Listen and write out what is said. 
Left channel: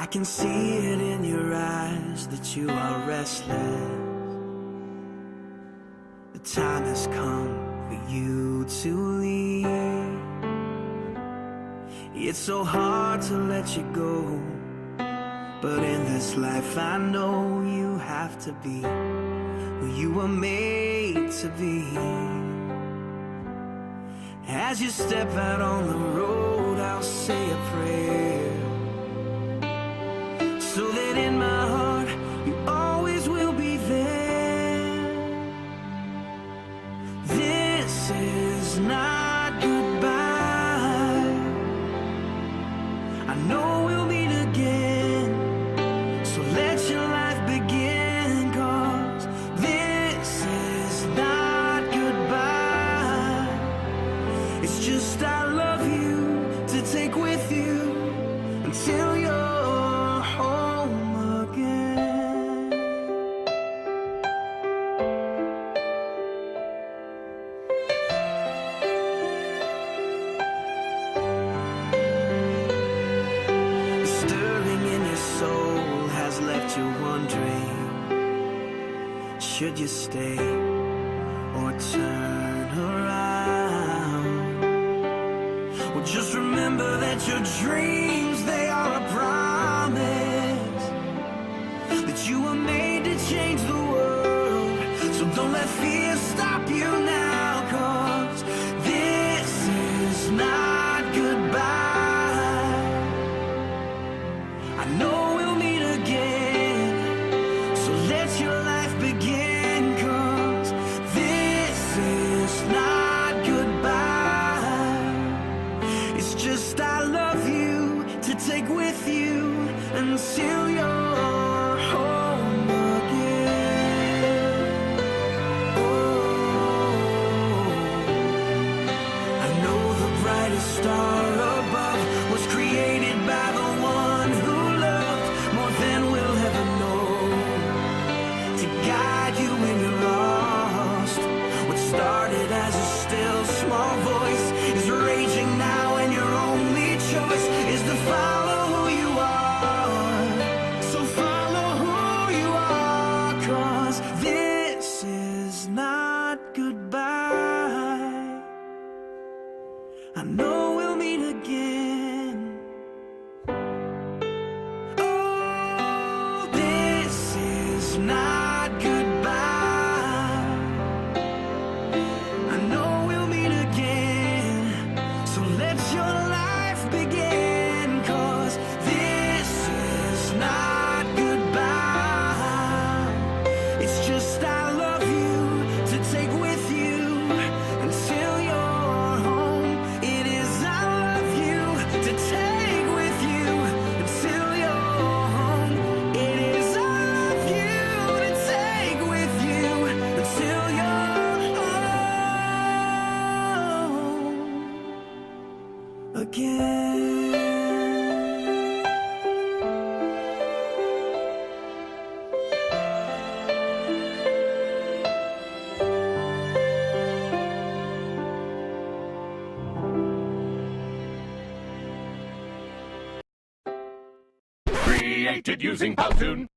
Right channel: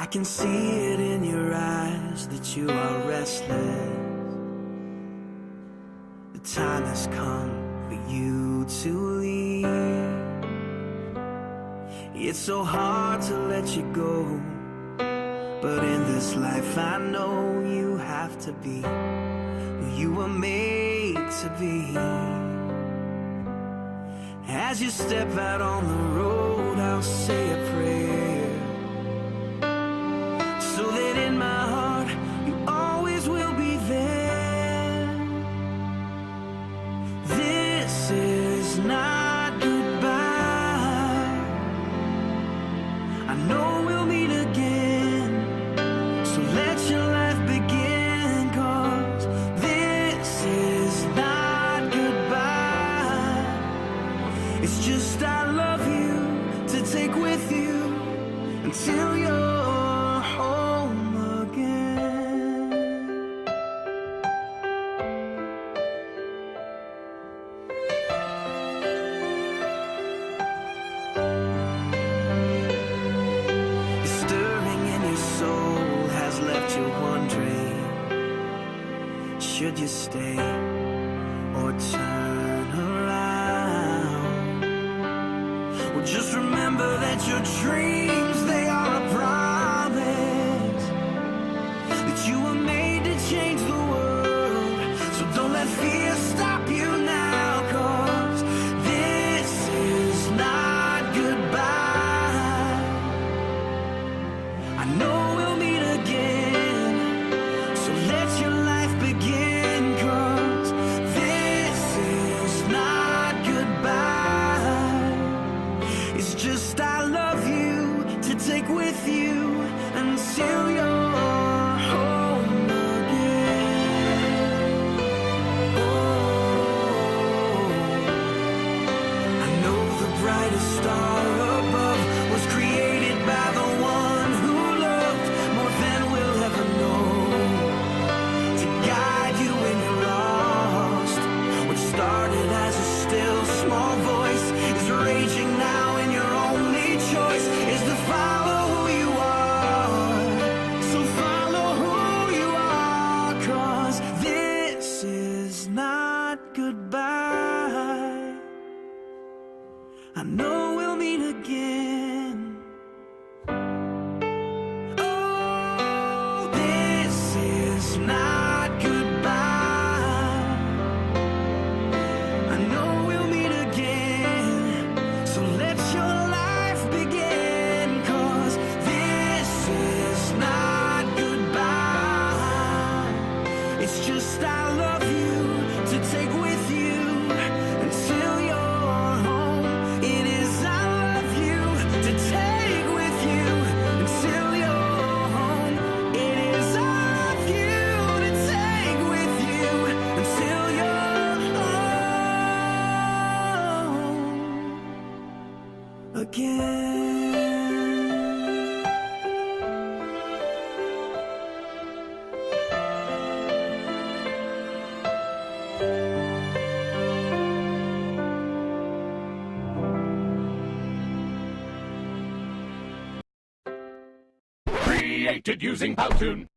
I can see it in your eyes that you are restless. The time has come for you to leave. It's so hard to let you go, but in this life I know you have to be who you were made to be. As you step out on the road, I'll say a prayer, so that in my heart you always will be there. This is not goodbye. I know we'll meet again, so let your life begin, 'cause this is not goodbye. It's just I love you to take with you until you're home again. The stirring in your soul has left you wondering, should you stay or turn around? Well, just remember that your dreams, they are a promise, that you were made to change the world. So don't let fear stop you now, 'cause this is not goodbye. I know we'll meet again, so let your life begin, 'cause this is not goodbye. It's just I love you to take with you until you're home again. Oh, I know the brightest star above was created by the one who loved more than we'll ever know, to guide you when you're lost. What started as a still small voice is raging now, and your only choice is to follow who you are. So follow who you are, 'cause this is not goodbye. I know we'll meet again. Oh, this is not goodbye. I know we'll meet again, so let your life begin, 'cause this is not goodbye. It's just I love you to take with you until you're home. It is I love you to take with you until you're home. It is I love you to take with you until you're again. Created using Powtoon.